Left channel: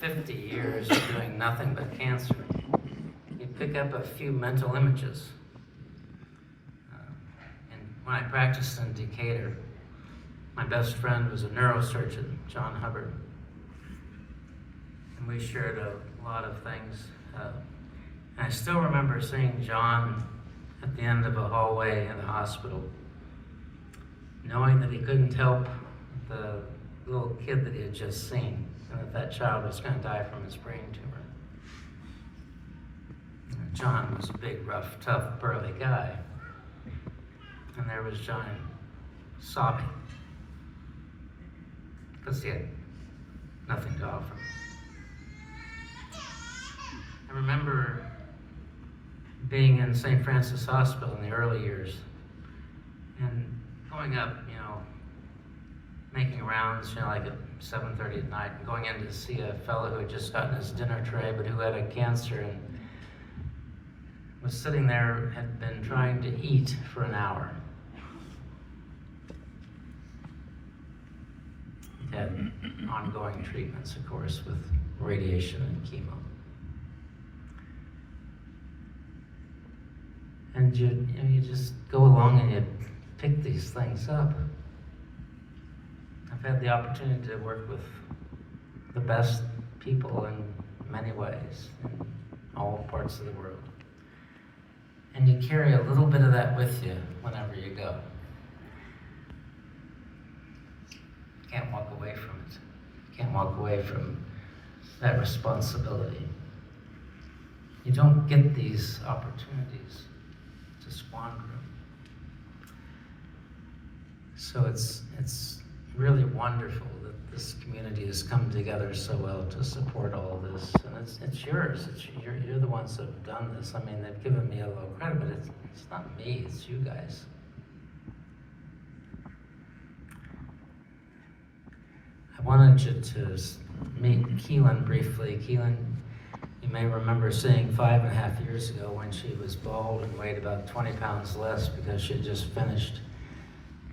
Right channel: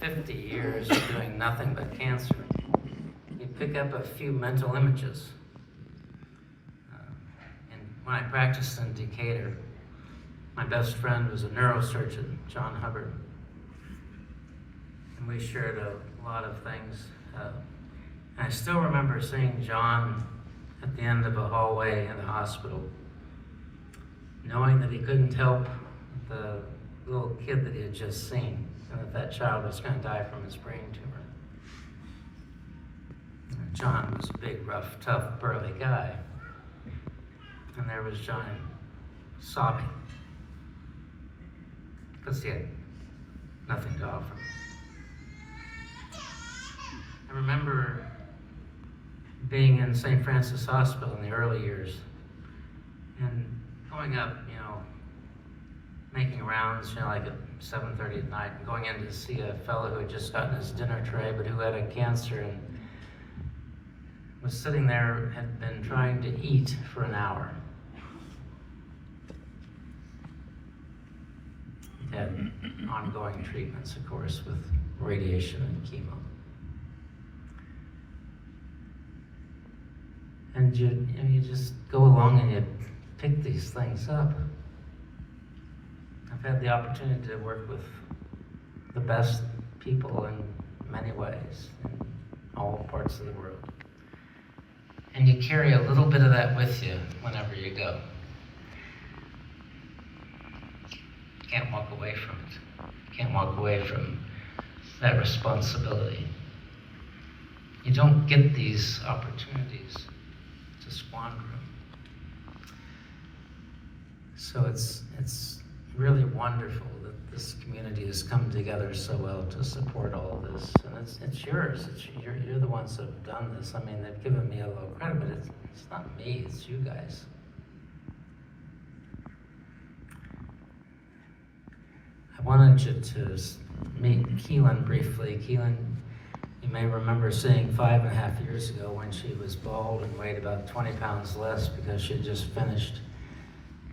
50 years of doing nothing but cancer, you pick up a few mental images. And when I practiced in Decatur, my best friend was a neurosurgeon, John Hubbard. And we shared a lot of things. I still remember seeing John at the end of a hallway in the hospital, knowing that he couldn't help the little kid that he had just seen, and that child was going to die from his brain tumor. And John was a big, rough, tough, burly guy. And there was John sobbing because he had nothing to offer. I remember being in St. Francis Hospital in the early years and going up, making rounds, like at 7:30 at night, and going in to see a fellow who had just gotten his dinner tray, but who had a cancer and was sitting there, had been trying to eat for an hour. Had ongoing treatments, of course, with radiation and chemo. And you just go along and you pick these things up. I've had the opportunity to work with the best people in many ways, in all parts of the world. And you carry a little bit of that with you whenever you go. You can't walk away from it. You can't walk away from that responsibility. You don't get these opportunities to squander them. So it's really wonderful that this community has come together so well to support all of this. And it's yours. You're the ones that have done this. I mean, they've given me a little credit, but it's not me, it's you guys. I wanted you to meet Keelan briefly. Keelan, you may remember seeing 5.5 years ago when she was bald and weighed about 20 pounds less because she had just finished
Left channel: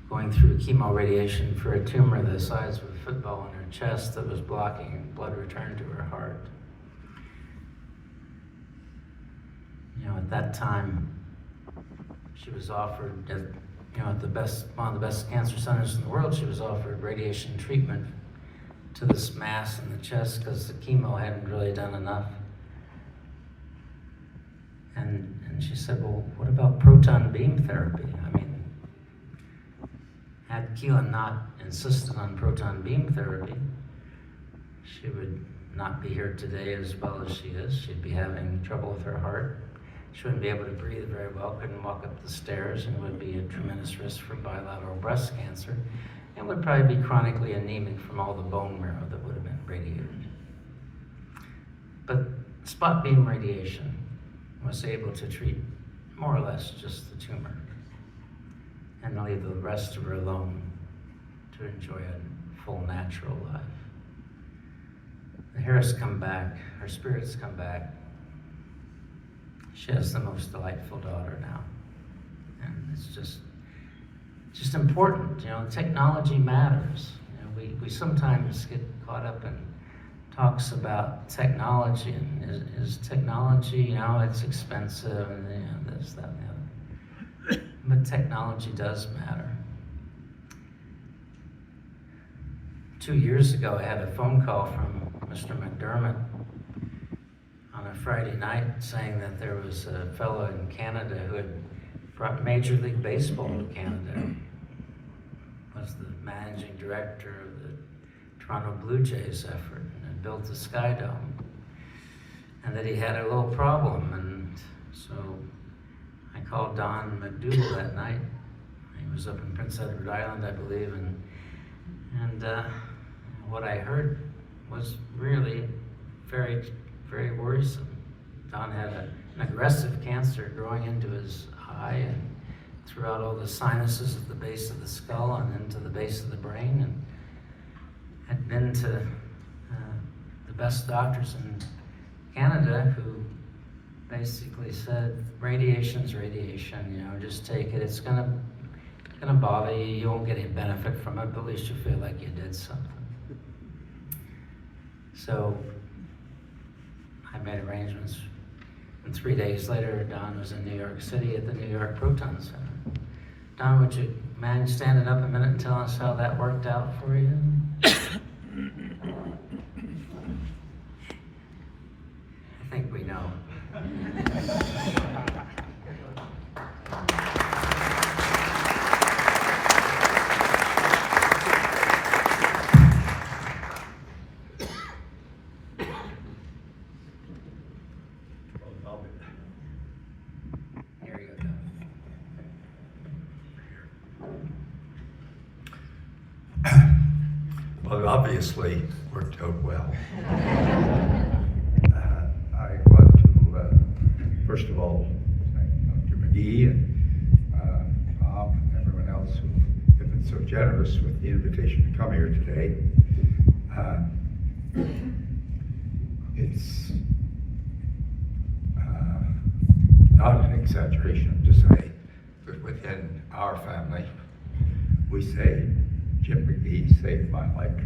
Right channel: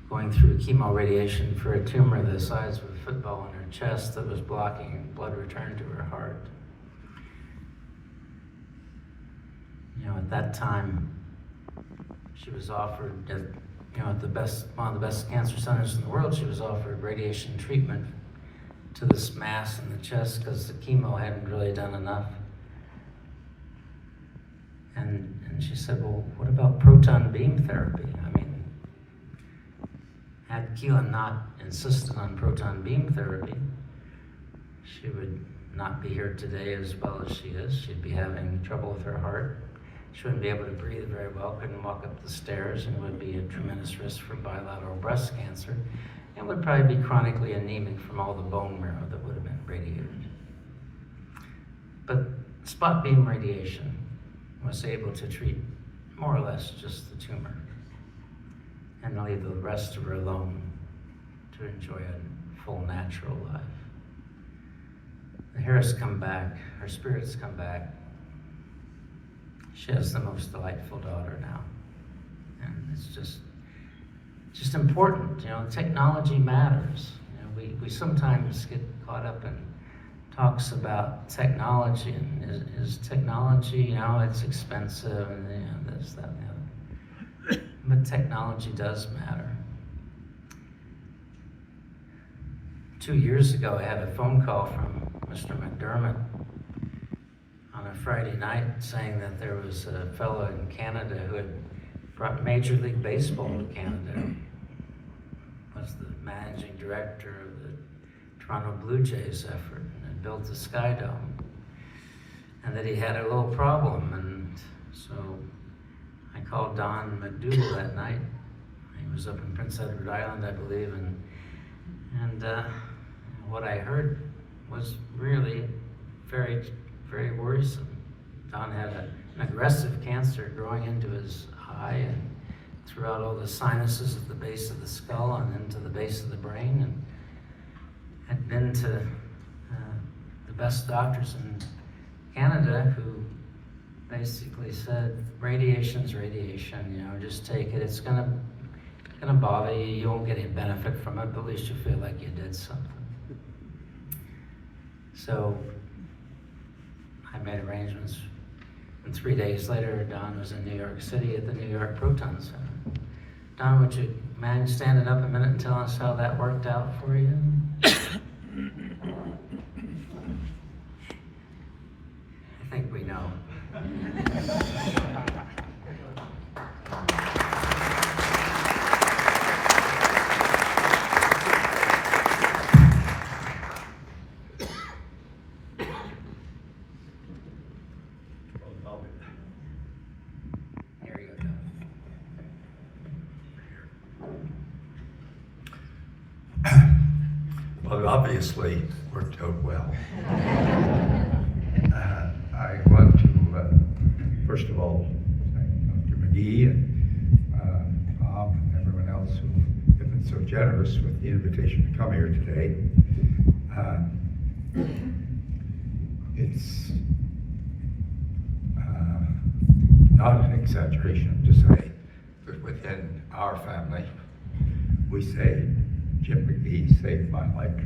going through chemo radiation for a tumor the size of a football in her chest that was blocking blood return to her heart. At that time, she was offered, at one of the best cancer centers in the world, she was offered radiation treatment to this mass in the chest because the chemo hadn't really done enough. And she said, well, what about proton beam therapy? I mean, had Keelan not insisted on proton beam therapy, she would not be here today as well as she is. She'd be having trouble with her heart. She wouldn't be able to breathe very well, couldn't walk up the stairs, and would be at tremendous risk for bilateral breast cancer, and would probably be chronically anemic from all the bone marrow that would have been radiated. But spot beam radiation was able to treat more or less just the tumor and leave the rest of her alone to enjoy a full natural life. The hair has come back, her spirits come back. She has the most delightful daughter now. And it's just important, technology matters. We sometimes get caught up in talks about technology, and is technology, it's expensive, and this, that, and the other. But technology does matter. 2 years ago, I had a phone call from Mr. McDermott on a Friday night saying that there was a fellow in Canada who had brought Major League Baseball to Canada. Was the managing director of the Toronto Bluejays effort and built the Sky Dome. And that he had a little problem, and so I called Don McDougall that night. He was up in Prince Edward Island, I believe, and what I heard was really very, very worrisome. Don had an aggressive cancer growing into his eye and throughout all the sinuses at the base of the skull and into the base of the brain, and had been to the best doctors in Canada who basically said, radiation's radiation, just take it. It's gonna bother you. You won't get any benefit from it, but at least you feel like you did something. So made arrangements. And 3 days later, Don was in New York City at the New York Proton Center. Don, would you mind standing up a minute and tell us how that worked out for you? I think we know. There you go. Well, it obviously worked out well. I want to, first of all, thank Dr. McGee and Tom and everyone else who have been so generous with the invitation to come here today. It's not an exaggeration to say that within our family, we say, Jim McGee saved my life.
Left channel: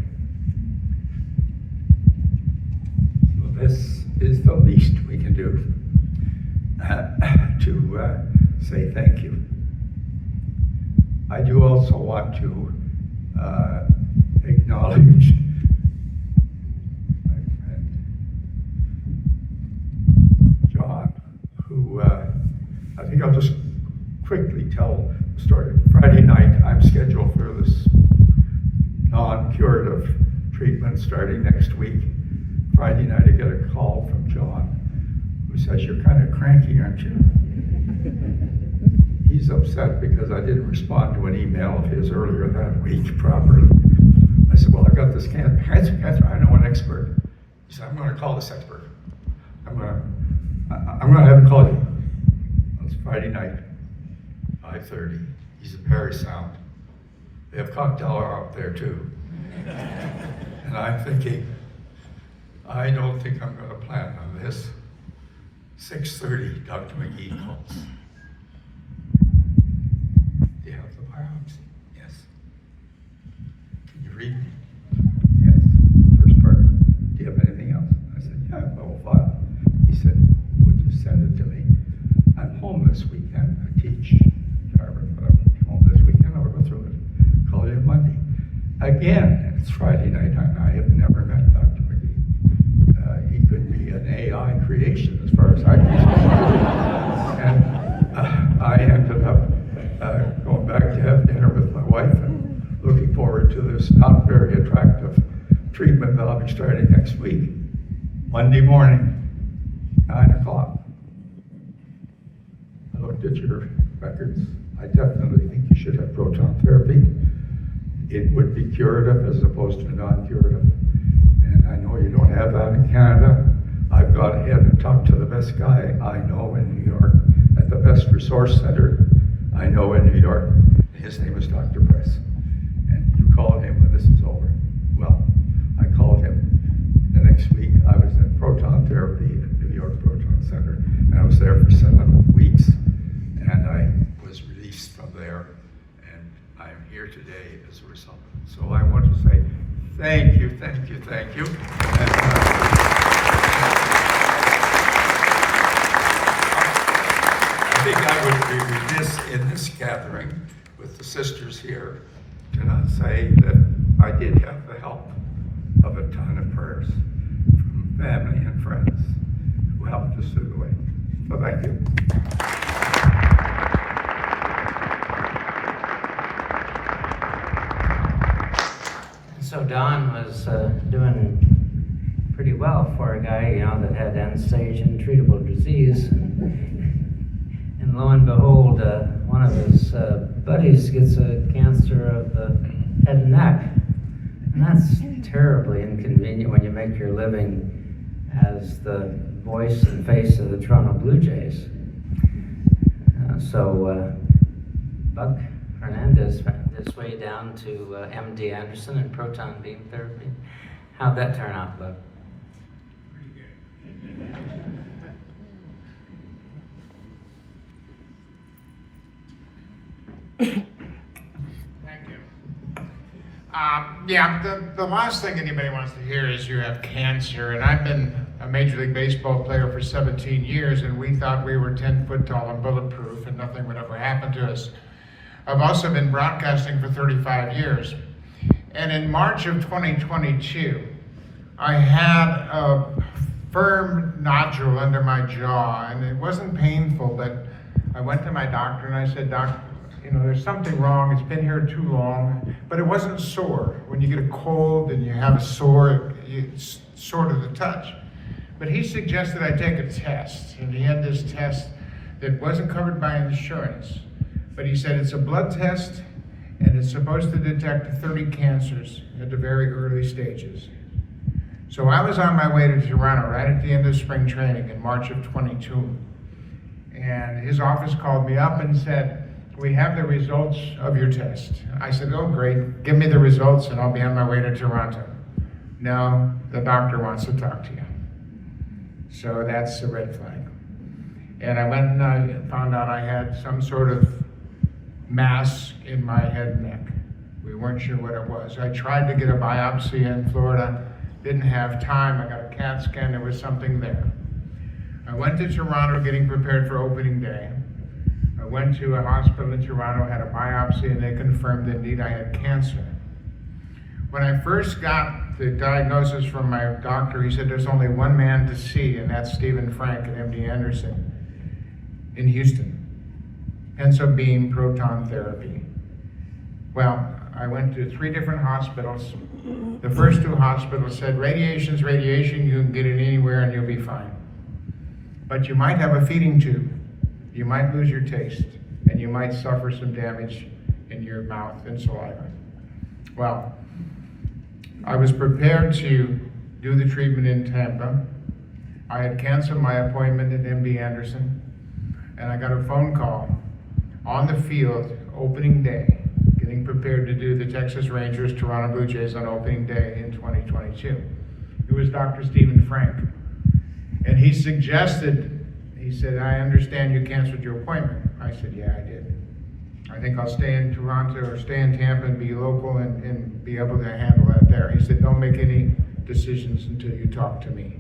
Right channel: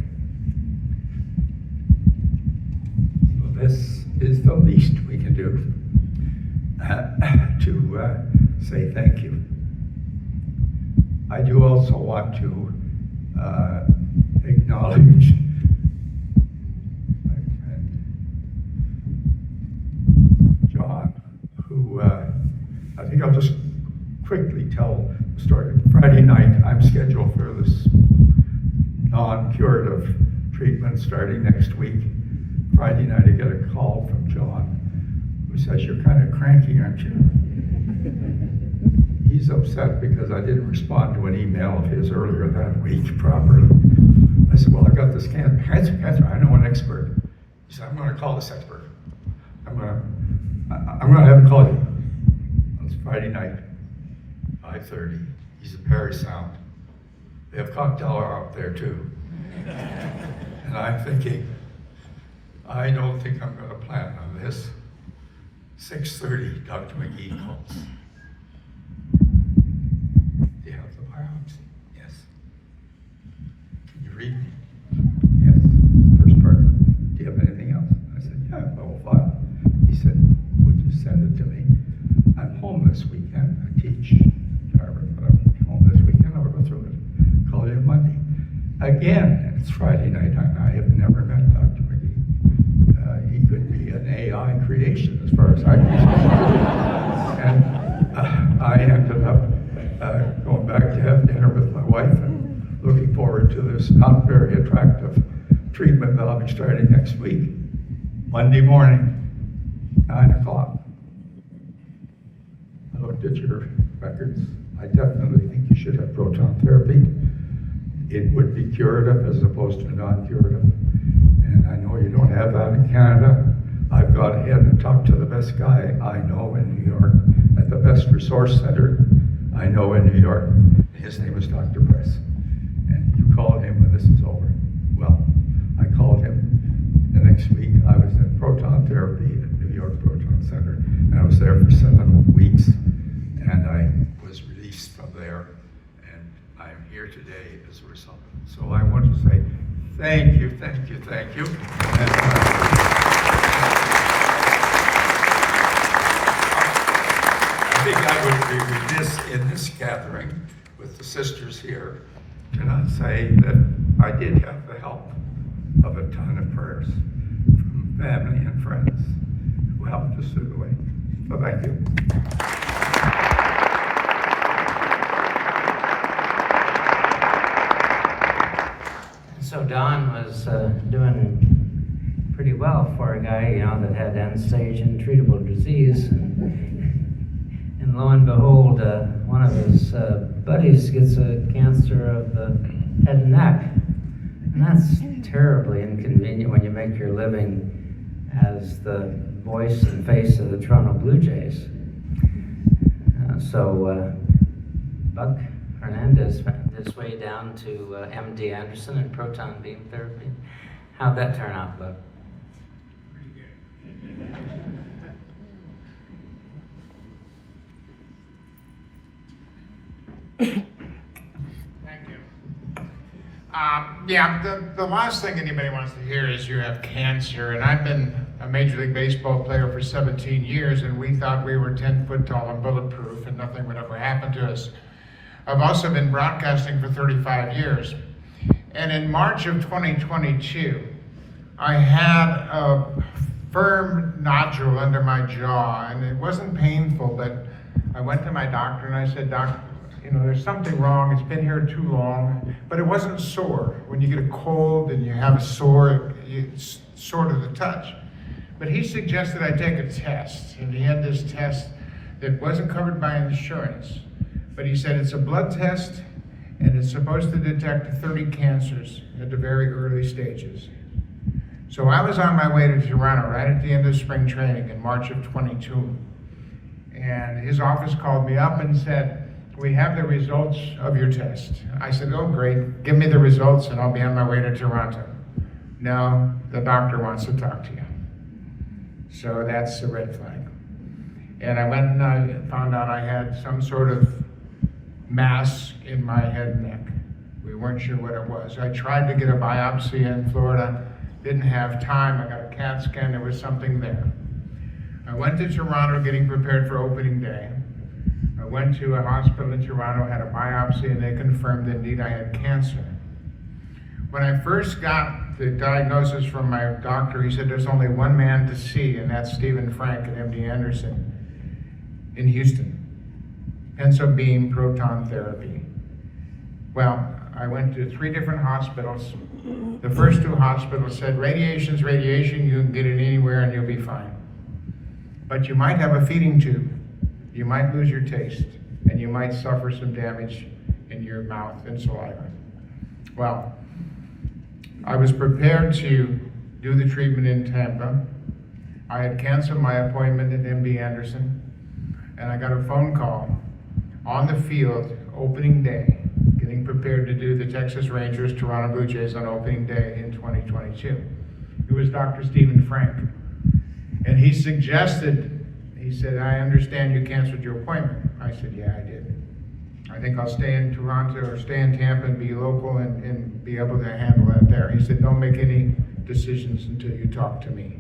So this is the least we can do to say thank you. I do also want to acknowledge my friend John, who I think I'll just quickly tell the story. Friday night, I'm scheduled for this non-curative treatment starting next week. Friday night, I get a call from John, who says, "You're kind of cranky, aren't you?" He's upset because I didn't respond to an email of his earlier that week properly. I said, "Well, I got this cancer. I know an expert." He said, "I'm going to call this expert. I'm going to have him call you." It's Friday night, 5:30. He's in Parry Sound. They have cocktail hour up there too. And I'm thinking, I don't think I'm going to plan on this. 6:30, Dr. McGee calls. "Do you have the biopsy?" "Yes." "Can you read me?" "Yes." First part, "Do you have anything else?" I said, "Yeah, level 5. He said, "Would you send it to me? I'm home this weekend. I teach Harvard, but I'm home this weekend. I'll go through it. Call you on Monday." Again, it's Friday night, and I have never met Dr. McGee. He could be an AI creation as far as I'm concerned. And I ended up going back to have dinner with my wife and looking forward to this not very attractive treatment that I'll be starting next week. Monday morning, 9 o'clock. I looked at your records. I definitely think you should have proton therapy. It would be curative as opposed to non-curative. And I know you don't have that in Canada. I've got ahead and talked to the best guy I know in New York at the best resource center I know in New York. His name is Dr. Press. And you call him when this is over. Well, I called him the next week. I was in proton therapy at New York Proton Center. And I was there for 7 weeks. And I was released from there. I'm here today as a result. So I want to say thank you. And, I think I would be remiss in this gathering with the sisters here to not say that I did have the help of a ton of prayers from family and friends who helped us through the way. So thank you. So Don was doing pretty well for a guy, that had end-stage untreatable disease. And lo and behold, one of his buddies gets a cancer of the head and neck. And that's terribly inconvenient when you make your living as the voice and face of the Toronto Bluejays. So Buck Hernandez found his way down to MD Anderson and proton beam therapy. How'd that turn out, Buck? Thank you. The last thing anybody wants to hear is you have cancer. And I've been a Major League Baseball player for 17 years, and we thought we were 10 foot tall and bulletproof, and nothing would ever happen to us. I've also been broadcasting for 35 years. And in March of 2022, I had a firm nodule under my jaw, and it wasn't painful, but I went to my doctor and I said, Doc, there's something wrong. It's been here too long, but it wasn't sore. When you get a cold and you have a sore, it's sort of the touch. But he suggested I take a test, and he had this test that wasn't covered by insurance. But he said it's a blood test, and it's supposed to detect 30 cancers at the very early stages. So I was on my way to Toronto right at the end of spring training in March of 22. And his office called me up and said, we have the results of your test. I said, oh, great. Give me the results and I'll be on my way to Toronto. No, the doctor wants to talk to you. So that's a red flag. And I went and I found out I had some sort of mass in my head and neck. We weren't sure what it was. I tried to get a biopsy in Florida, didn't have time. I got a CAT scan, there was something there. I went to Toronto getting prepared for opening day. I went to a hospital in Toronto, had a biopsy, and they confirmed that indeed I had cancer. When I first got the diagnosis from my doctor, he said there's only one man to see, and that's Stephen Frank at MD Anderson in Houston. Hence up being proton therapy. Well, I went to 3 different hospitals. The first 2 hospitals said, radiation's radiation, you can get it anywhere and you'll be fine. But you might have a feeding tube. You might lose your taste, and you might suffer some damage in your mouth and saliva. Well, I was prepared to do the treatment in Tampa. I had canceled my appointment at MD Anderson, and I got a phone call on the field opening day, getting prepared to do the Texas Rangers Toronto Bluejays on opening day in 2022. It was Dr. Stephen Frank. And he said, I understand you canceled your appointment. I said, yeah, I did. I think I'll stay in Toronto or stay in Tampa and be local and be able to handle that there. He said, don't make any decisions until you talk to me.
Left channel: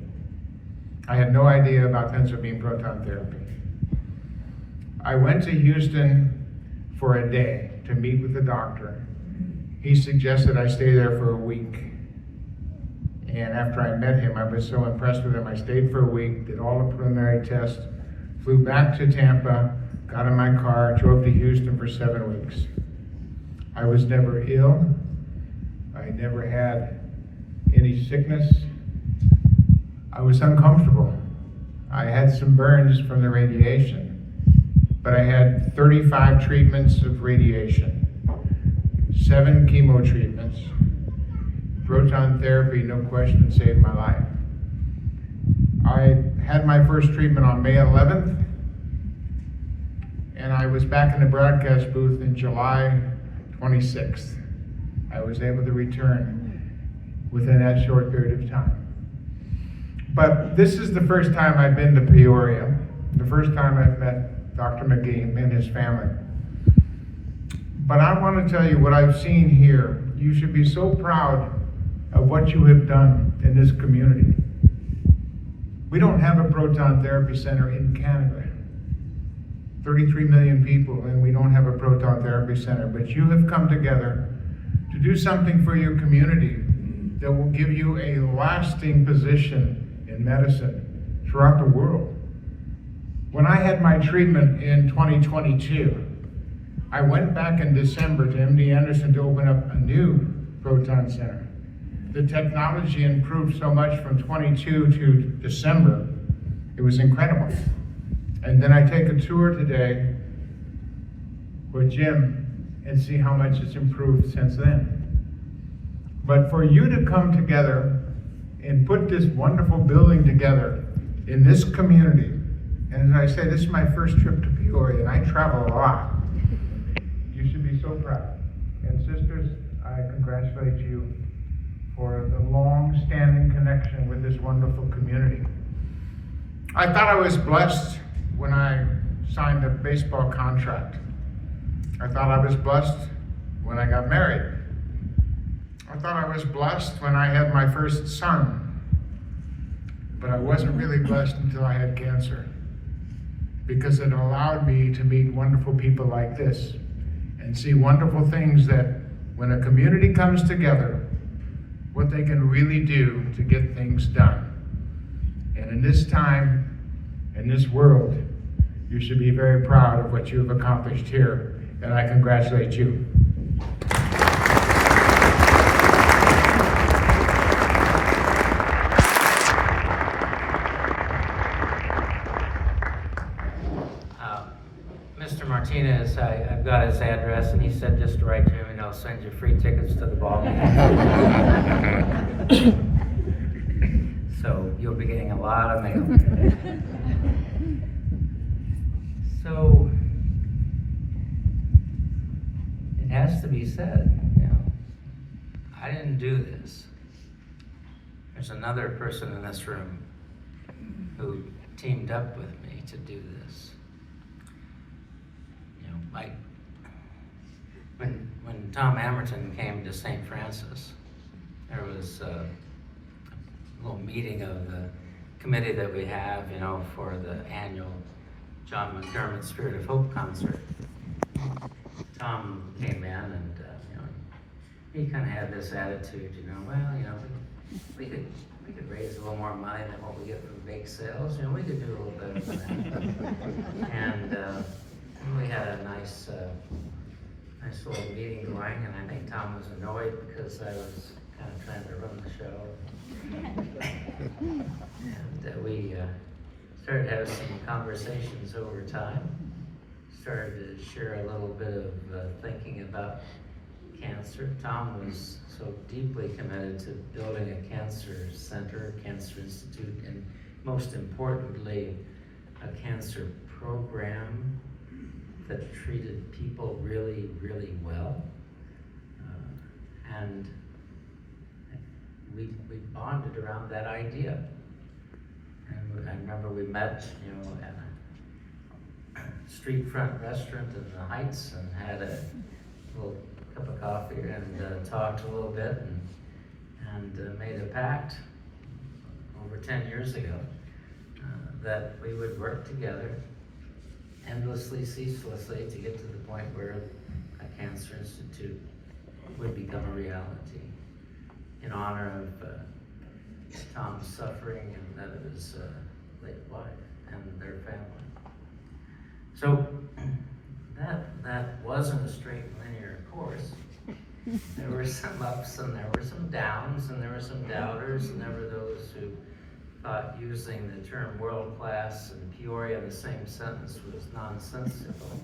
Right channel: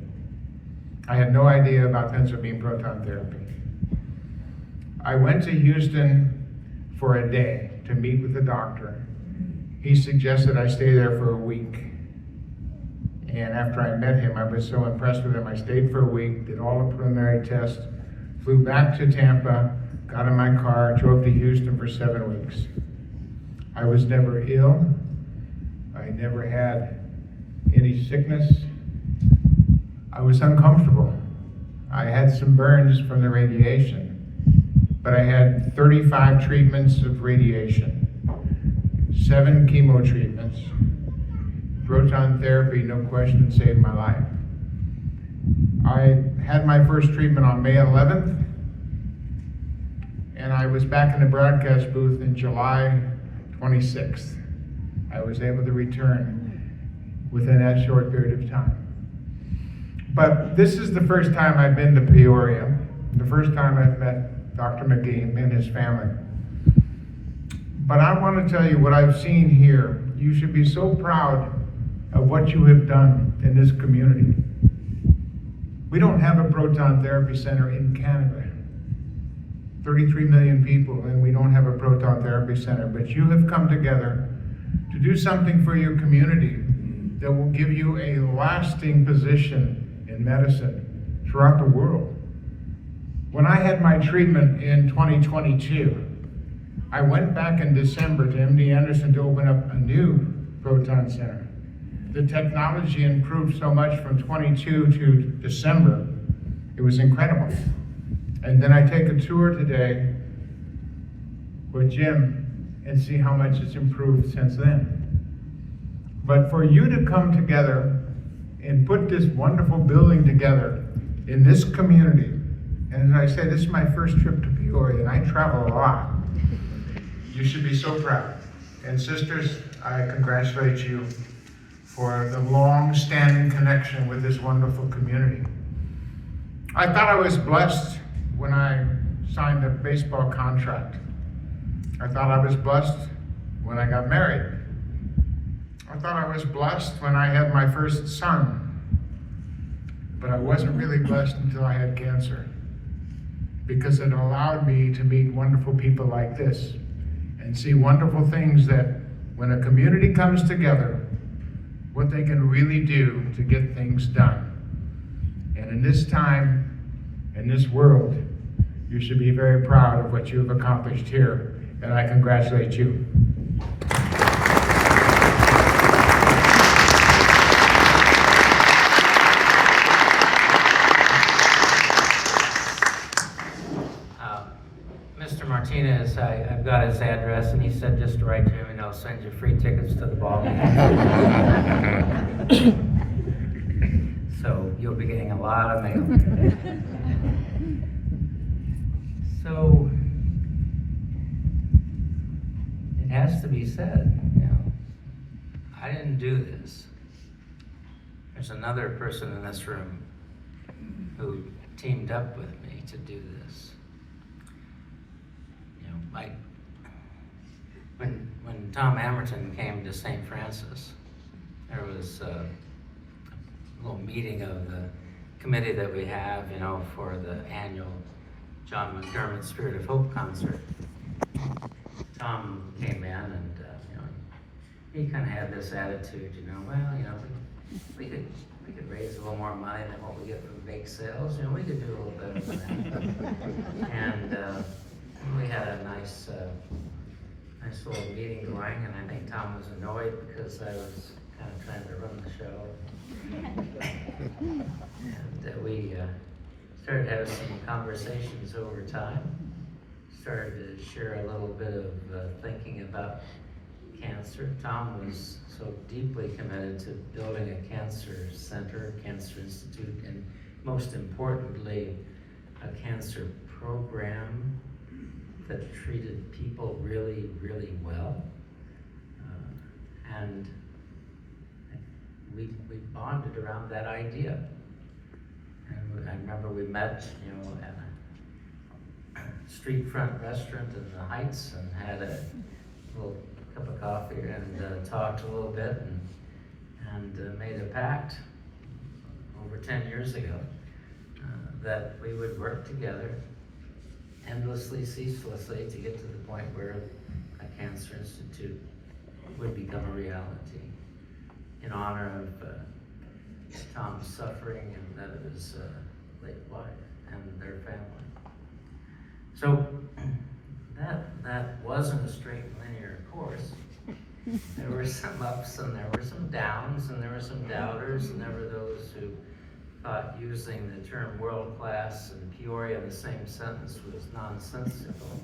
I had no idea about penicillin proton therapy. I went to Houston for a day to meet with the doctor. He suggested I stay there for a week. And after I met him, I was so impressed with him, I stayed for a week, did all the preliminary tests, flew back to Tampa, got in my car, drove to Houston for 7 weeks. I was never ill. I never had any sickness. I was uncomfortable. I had some burns from the radiation, but I had 35 treatments of radiation, 7 chemo treatments. Proton therapy, no question, saved my life. I had my first treatment on May 11th, and I was back in the broadcast booth in July 26th. I was able to return within that short period of time. But this is the first time I've been to Peoria, the first time I've met Dr. McGee and his family. But I want to tell you what I've seen here. You should be so proud of what you have done in this community. We don't have a proton therapy center in Canada. 33 million people, and we don't have a proton therapy center, but you have come together to do something for your community that will give you a lasting position in medicine throughout the world. When I had my treatment in 2022, I went back in December to MD Anderson to open up a new proton center. The technology improved so much from 22 to December. It was incredible. And then I take a tour today with Jim and see how much it's improved since then. But for you to come together and put this wonderful building together in this community, and as I say, this is my first trip to Peoria, and I travel a lot. You should be so proud. And sisters, I congratulate you for the long-standing connection with this wonderful community. I thought I was blessed when I signed a baseball contract. I thought I was blessed when I got married. I thought I was blessed when I had my first son, but I wasn't really blessed until I had cancer, because it allowed me to meet wonderful people like this and see wonderful things that when a community comes together, what they can really do to get things done. And in this time, in this world, you should be very proud of what you've accomplished here, and I congratulate you. Mr. Martinez, I've got his address, and he said just to write to him, and I'll send you free tickets to the ball game. So you'll be getting a lot of mail. So it has to be said, you know, I didn't do this. There's another person in this room who teamed up with me to do this. You know, like when Tom Hamilton came to St. Francis, there was a little meeting of the committee that we have, you know, for the annual John McDermott Spirit of Hope concert. Tom came in and, you know, he kind of had this attitude, you know, well, you know, we could raise a little more money than what we get from bake sales, you know, we could do a little better than that. And we had a nice little meeting going, and I think Tom was annoyed because I was kind of trying to run the show. And we started having some conversations over time, started to share a little bit of thinking about cancer. Tom was so deeply committed to building a cancer center, cancer institute, and most importantly, a cancer program that treated people really, really well. And we bonded around that idea. And I remember we met, you know, at a street front restaurant in the Heights and had a little cup of coffee and talked a little bit and made a pact over 10 years ago that we would work together endlessly, ceaselessly to get to the point where a cancer institute would become a reality in honor of Tom's suffering and that of his late wife and their family. So that wasn't a straight linear course. There were some ups and there were some downs and there were some doubters and there were those who thought using the term world class and Peoria in the same sentence was nonsensical.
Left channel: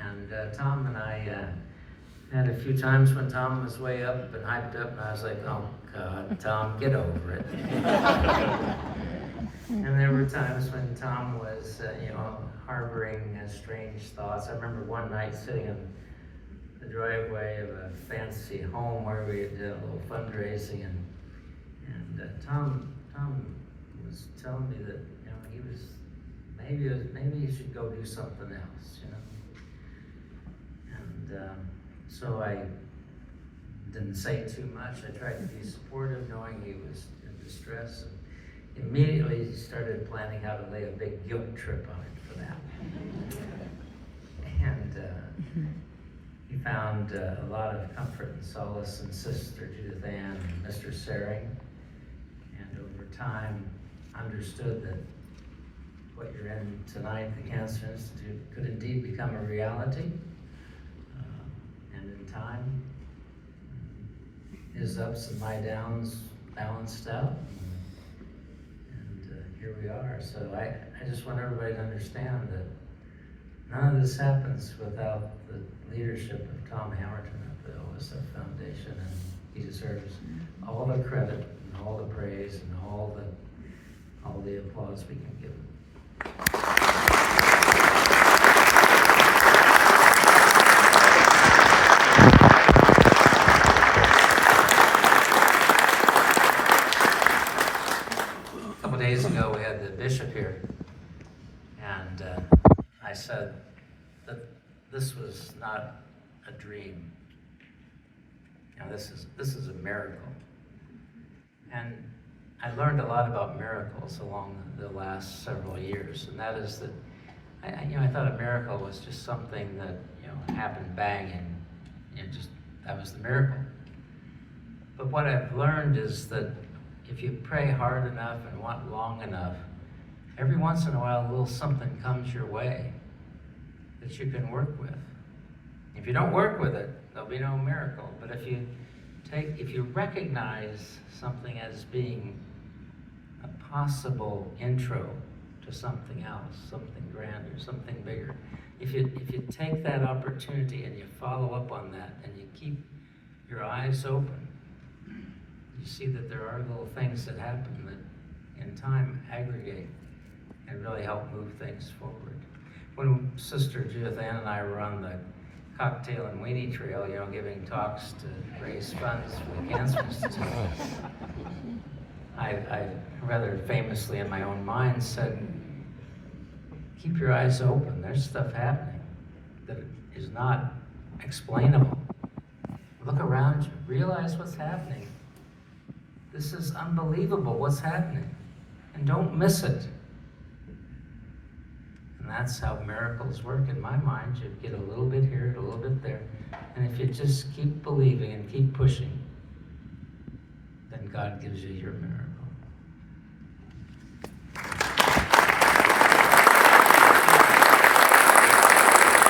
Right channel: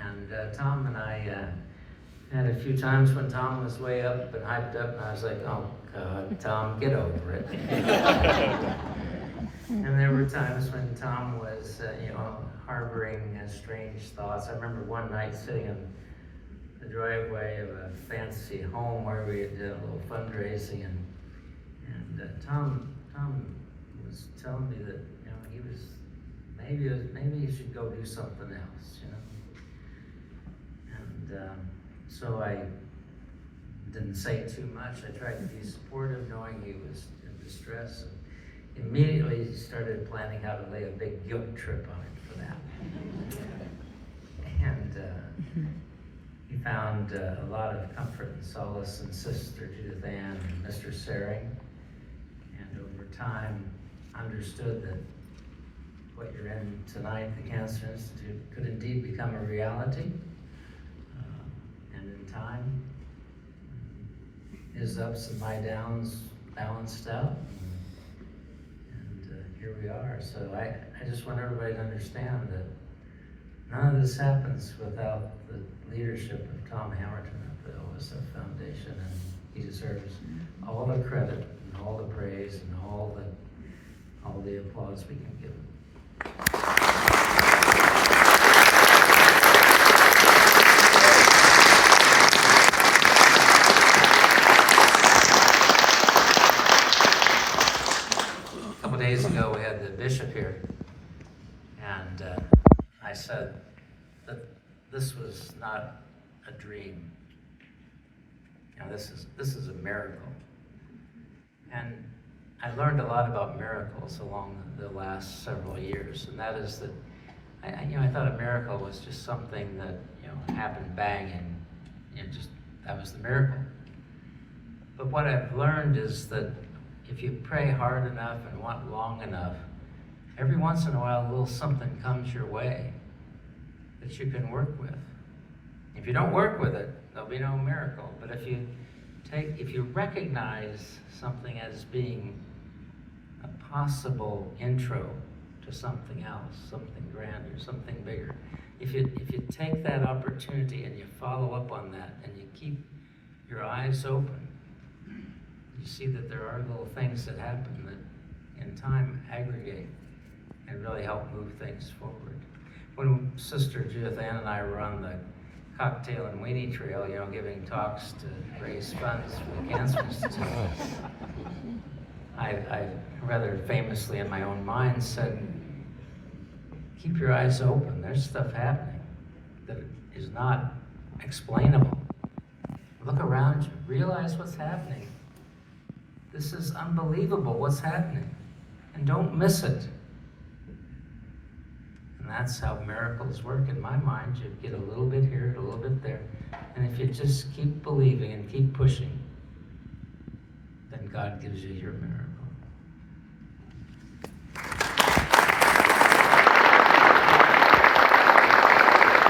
And Tom and I had a few times when Tom was way up and hyped up and I was like, oh God, Tom, get over it. And there were times when Tom was, you know, harboring strange thoughts. I remember one night sitting in the driveway of a fancy home where we did a little fundraising, and Tom was telling me that, you know, he was maybe you should go do something else, you know. And so I didn't say too much. I tried to be supportive, knowing he was in distress. And immediately started planning how to lay a big guilt trip on him for that. And he found a lot of comfort and solace in Sister Judith Ann and Mr. Saring. And over time, understood that what you're in tonight, the Cancer Institute, could indeed become a reality. And in time, his ups and my downs balanced out. And here we are. So I just want everybody to understand that none of this happens without the leadership of Tom Hamilton at the OSF Foundation, and he deserves all the credit and all the praise and all the applause we can give him. A couple days ago, we had the bishop here, and I said that this was not a dream. Now this is a miracle. And I learned a lot about miracles along the last several years, and that is that I thought a miracle was just something that happened bang and just that was the miracle. But what I've learned is that if you pray hard enough and want long enough, every once in a while a little something comes your way that you can work with. If you don't work with it, there'll be no miracle. But if you recognize something as being a possible intro to something else, something grander, something bigger, if you take that opportunity and you follow up on that and you keep your eyes open, you see that there are little things that happen that in time aggregate and really help move things forward. When Sister Judith Ann and I were on the Cocktail and Weenie Trail, giving talks to raise funds for the Cancer Institute, I rather famously in my own mind said, keep your eyes open. There's stuff happening that is not explainable. Look around you. Realize what's happening. This is unbelievable what's happening. And don't miss it. And that's how miracles work in my mind. You get a little bit here, a little bit there. And if you just keep believing and keep pushing, then God gives you your miracle.